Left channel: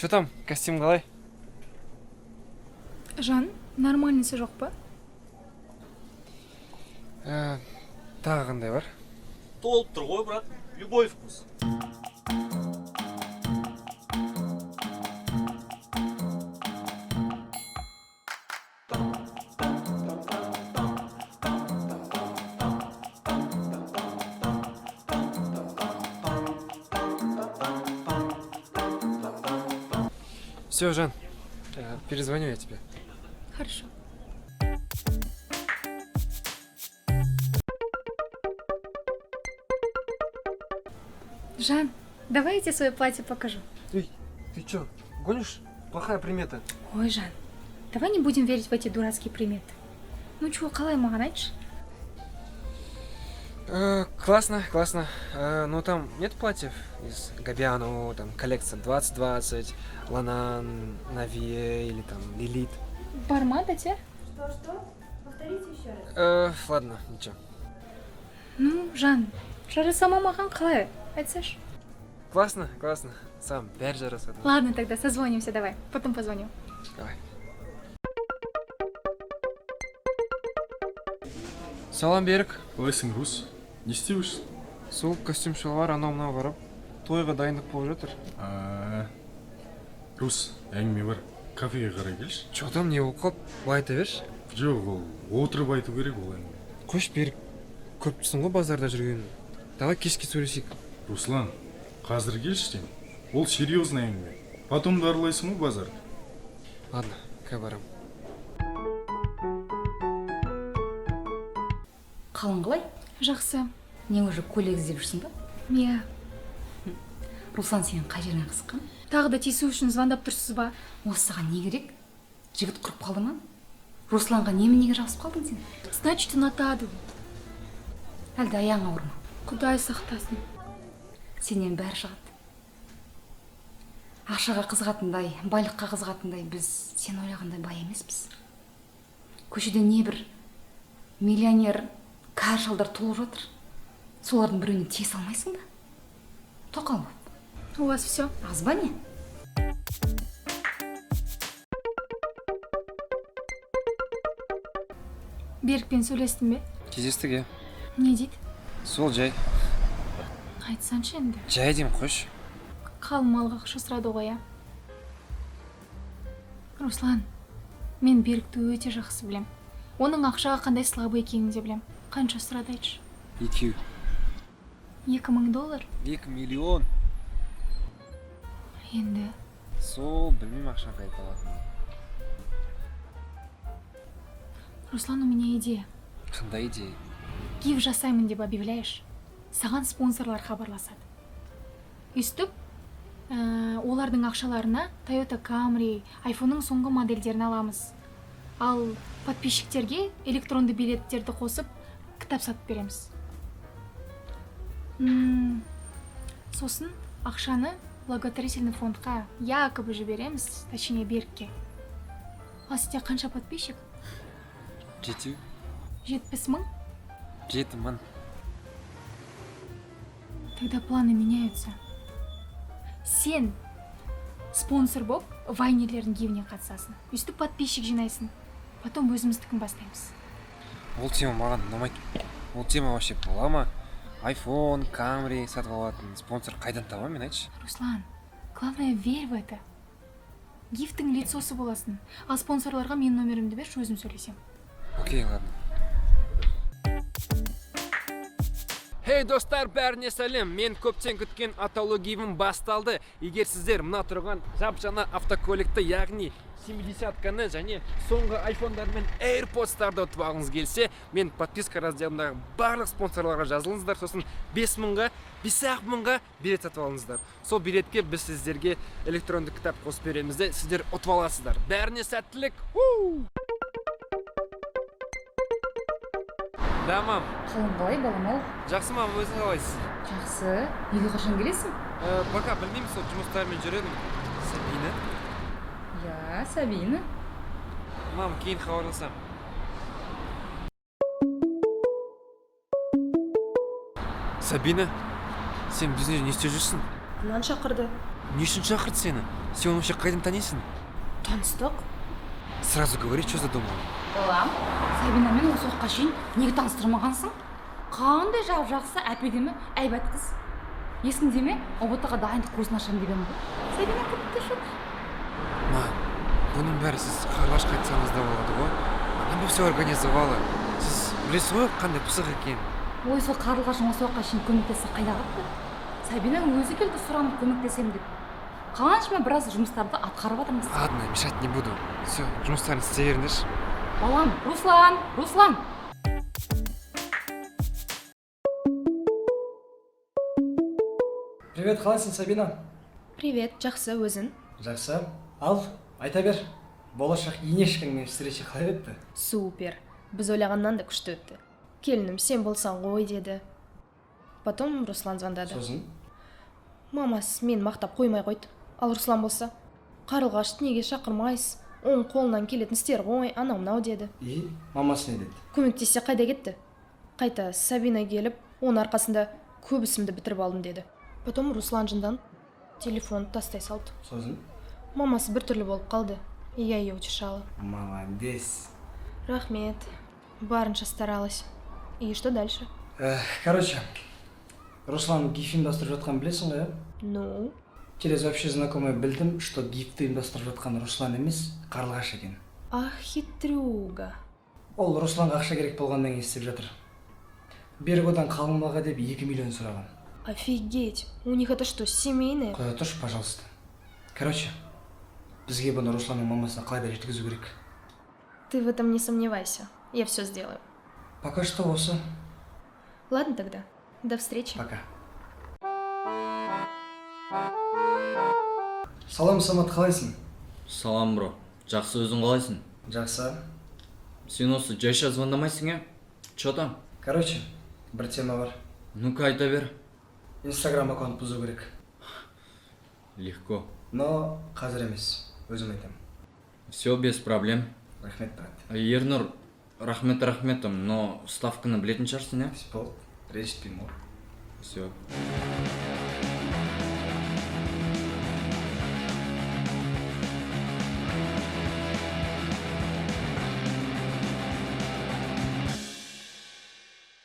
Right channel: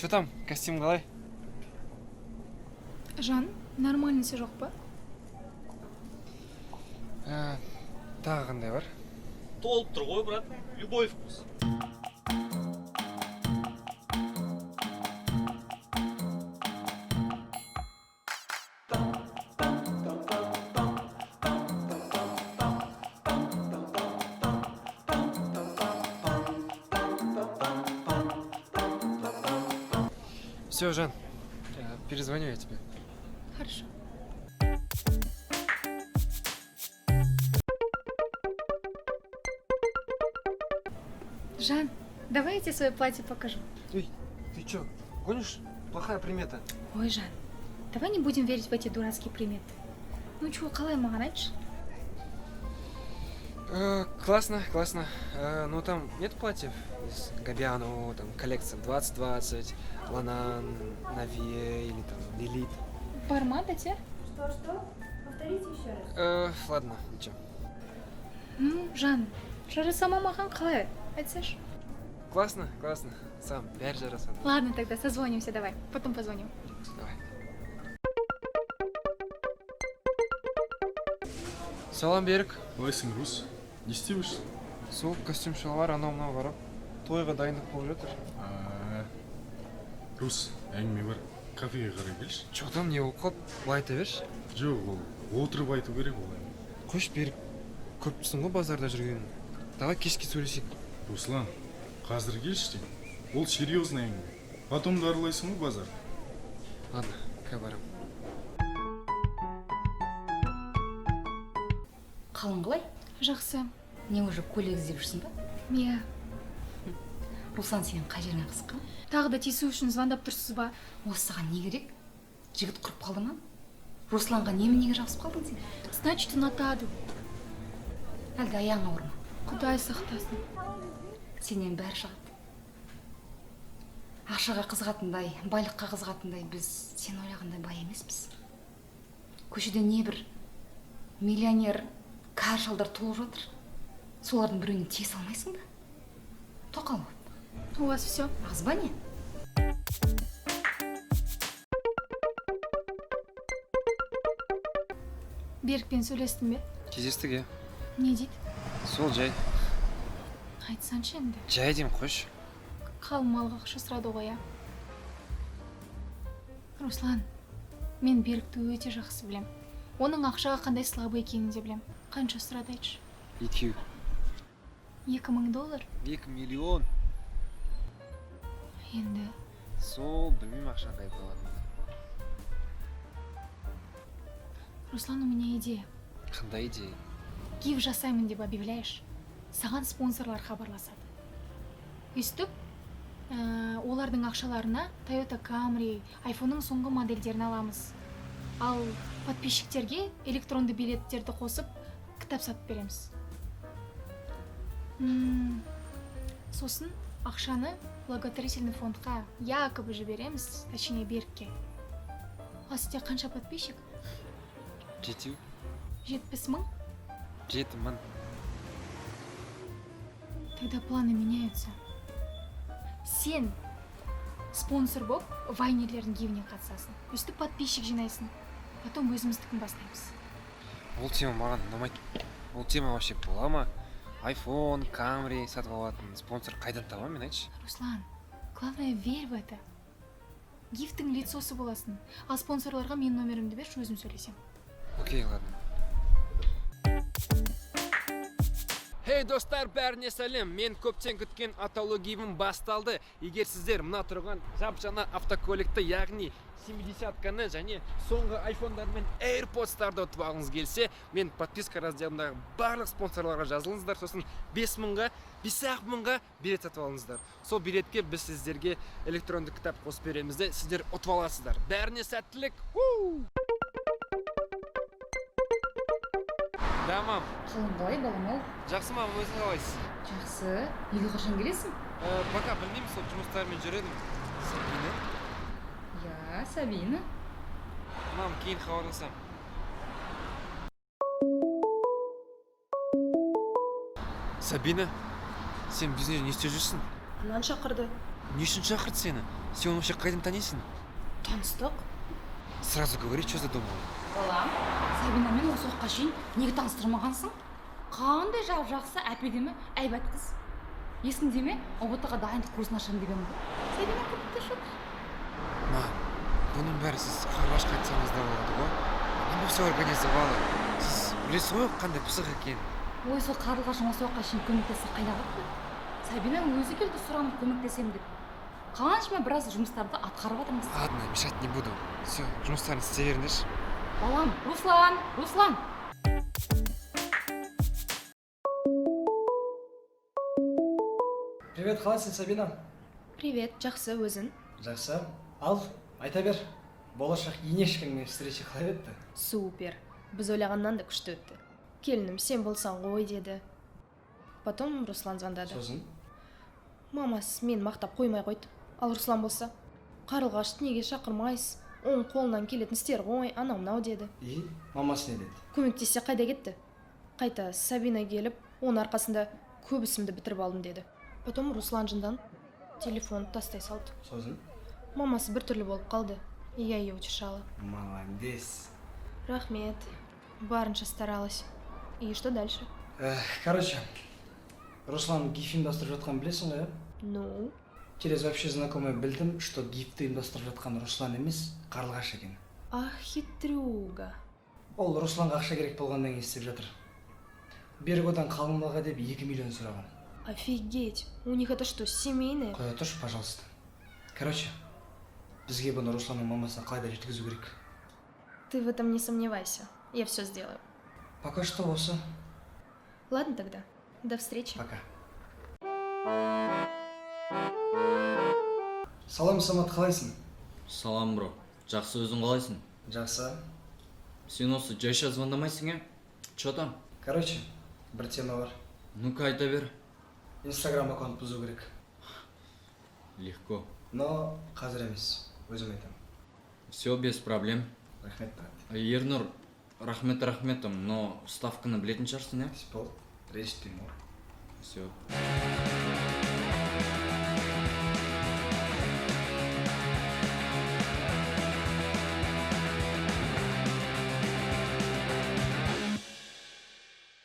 Че там, костюм қалай? Жан, нормальныйсы жоқ па? Тағы қандай бар? Толып тұр ғой, брат. Любой вкус. Все, Жан, перезвоню я тебе. Хорошо. Жан, давай я тебе свое платье покажу. Ты че, гонишь? Плохая примета. Ой, Жан, давай не будем верить в эти дурацкие приметы. Ну чего, қалай маған айтшы? Классно. Но там нет платьев с Габианову, там коллекция 2020, Ланан, Навия или там Элит. Барма да те? Что? Повторите еще раз. Ладно, ничего. Ну, Жан, жарасама маған қалай? Айтсайшы. Классно. Сам, бәрі жарасады. Ладно, тогда созвонимся, давай. Потом позвоним. Давай. Салам, Берік. Қалайсың, Рус? Не істеп жүрсің? Сол костюм шалбар анау-мынау барып, тойға дайындық болып жатыр. Рус, әңгіме бар. Кафеге қарай келші. Че там не болып қалды? Былай айта берші. Жоқ, ол отырып айту керек ол. Қойшы, Берік. Көптісің ғой базарда жүрген. Давай кешке сөйлесейік. Руслан, қазір келші. Ол серьезный әңгіме. Потом дарылайсың ғой базар. Ладно, қазір барам. Қалың қалай? Жақсы. Не уже көйлек іздеп жүрсің ба? Не, Руслан сенің қай жеріңе қысқан? тағы да тиісу үшін звондап тұрсыз ба? Осыған не керек? Жігіт құрып қалды ма? Русланға неменеге жабысып қалдың сен? Значит, ұнатады. Әлде аяғың ауыр ма? Құдай сақтасын. Сенен бәрі шығады. Ақшаға қызығатындай, байлыққа қызығатындай біз сен ойлағандай бай емеспіз. Көшеде не бір миллионер кәрі шалдар толып жатыр. Солардың біреуіне тие салмайсың ба? Тоқал, У вас все? аз ба не? Берікпен сөйлестің бе? Кездестік, иә. Не дейді? Сол жай. Айтсаңшы енді. Жай деймін, қойшы. Қалың малға ақша сұрады ғой, ә? Руслан, мен Берікті өте жақсы білем. Оның ақшаға қандай слабы екенін де білем. Қанша сұрады айтшы? Екеу. $2000. 2 миллион. Енді Сол білмеймін ақшаға айталады. Руслан, у меня идея. Қандай идея? Гиф жасаймын деп объявляешь. Саған спонсорлар хабарласады. Өстіп, олардың ақшаларына Toyota Camry, iPhone'ның соңғы модельдерін аламыз. Ал подписчиктерге электронды билеттерді қосып, кітап сатып береміз. Сосын ақшаны благотворительный фондқа якобы жібереміз, точнее Берікке. А сізде қанша подписчик? 70 мың? 7 мың. Тогда планы меняются. Сен спонсор болып, вайнерлердің гейміне қатысасың. Өстіп подписчик жинайсың. Потом өзіміздікін бастаймыз. Ол тема маған ұнамайды. Ол тема вообще бола ма? iPhone, Camry сатып алатын спонсор қайдан табамын, айтшы? Руслан, главное верь в это. Гифтің лицосы боласың. Ал спонсорларға менің номерімді берші, өзім сөйлесем. Окей, ладно. Хей достар, бәріне сәлем. Мен көптен күткен атаулы геймім басталды. Егер сіздер мына тұрған жап-жаңа автокөлікті, яғни 70-каны және соңғы iPhone-дар мен AirPods-тарды ұтып алғыңыз келсе, мен подписка разделындағы барлық спонсорларға жазылыңыздар, сосын 5 мыңға, 5 мыңға билет сатып алыңыздар. Сол билетке біз сіздерге электронды кітап қосып береміз де, сіздер ұтып аласыздар. Бәріне сәттілік. Да, мам. Қалың қалай, балам-ау? Жақсы, мам, өзің қалайсыз? Жақсы. Неге қашан келесің? Пока білмеймін, сол жұмыстармен жүреді. Сабина. Я, Сабина. Мам, кейін хабарласам. Сабина, сен бізде не істеп жүрсің? Артынан шақырды. Не үшін шақырды сені? Сен оны вообще қайдан танисың? Таныстық. Сразу говори, что задумал. балам, Сабинамен осы уақытқа шейін неге таныстырмағансың? Қандай жақсы әпедемі әйбат қыз. Есіңде ме? ұбт-ға дайындық курсын ашамын дегенде. Сабина көмектеседі. Ма, бұның бәрі сіз қарлашқа айтсаңыз да болады ғой. Анам все организовала. Сіз білесіз ғой қандай пысық екенін. Ой, сол қарлығашың осы уақытқа шейін көмектессе қайда қалды? Сабина өзі келді сұранып көмектесемін деп. Қаншама біраз жұмыстарды атқарып жатырмыз. Ладно, мешать не буду. Все, жұмыстарын істей беріңдерші. Балам, Руслан! Привет, қалайсың, Сабина? Привет, жақсы өзің. Жақсы. Ал, айта бер. Болашақ енешкіңмен встреча қалай өтті? Супер. Біз ойлағаннан да күшті өтті. Келінім, сен болсаң ғой деді. Потом Руслан звондады. Сосын? Мамасы мен мақтап қоймай қойды. Ал Руслан болса, қарлығашты неге шақырмайсыз? Оның қолынан келетін істер ғой, анау-мынау деді. И мамасы не деді? Көмектессе қайда кетті? Қайта Сабина келіп, оның арқасында көп ісімді бітіріп алдым деді. Потом Руслан жындан телефон тастай салды. Сосын? Мамасы біртүрлі болып қалды. Я ее утешала. Молодец. Рахмет. Барынша старалась. И что дальше? Короче, Руслан гиф ұйымдастырып жатқанын білесің ғой, Ну, через общий знакомый білдім, что гифті ұйымдастырып жатқан Руслан емес, Қарлығаш екен. ах, хитрюга. Ол Русланға ақша керек болғаннан кейін істеп жатыр. Берік одан қалың малға деп 2 миллион сұраған. Офигеть. У них это что, семейное? Құда тұршы, пожалуйста. Короче, бізге бұны Русланның мамасына қалайда жеткізу керек. Ты в этом не сомневайся. Я все сделаю. Пока что осы. Ладно тогда. До встречи. Пока. Салам, Самат, қалайсың? Салам, бро. Жақсы, өзің қалайсың? Жақсы. Сен осы жайша звондамайсың, е? Чё там? Короче, бір тема бар. Ну-ка, айта бер. Инстаграм аккаунт бұзу керек. Легко. Но қазір емес. Өзім айтамын. Все без проблем. Рахмет, брат. Ернұр, рахметом, но ставканы білетін шығарсың, е? Болды. Ренжітпеймін ғой. Все.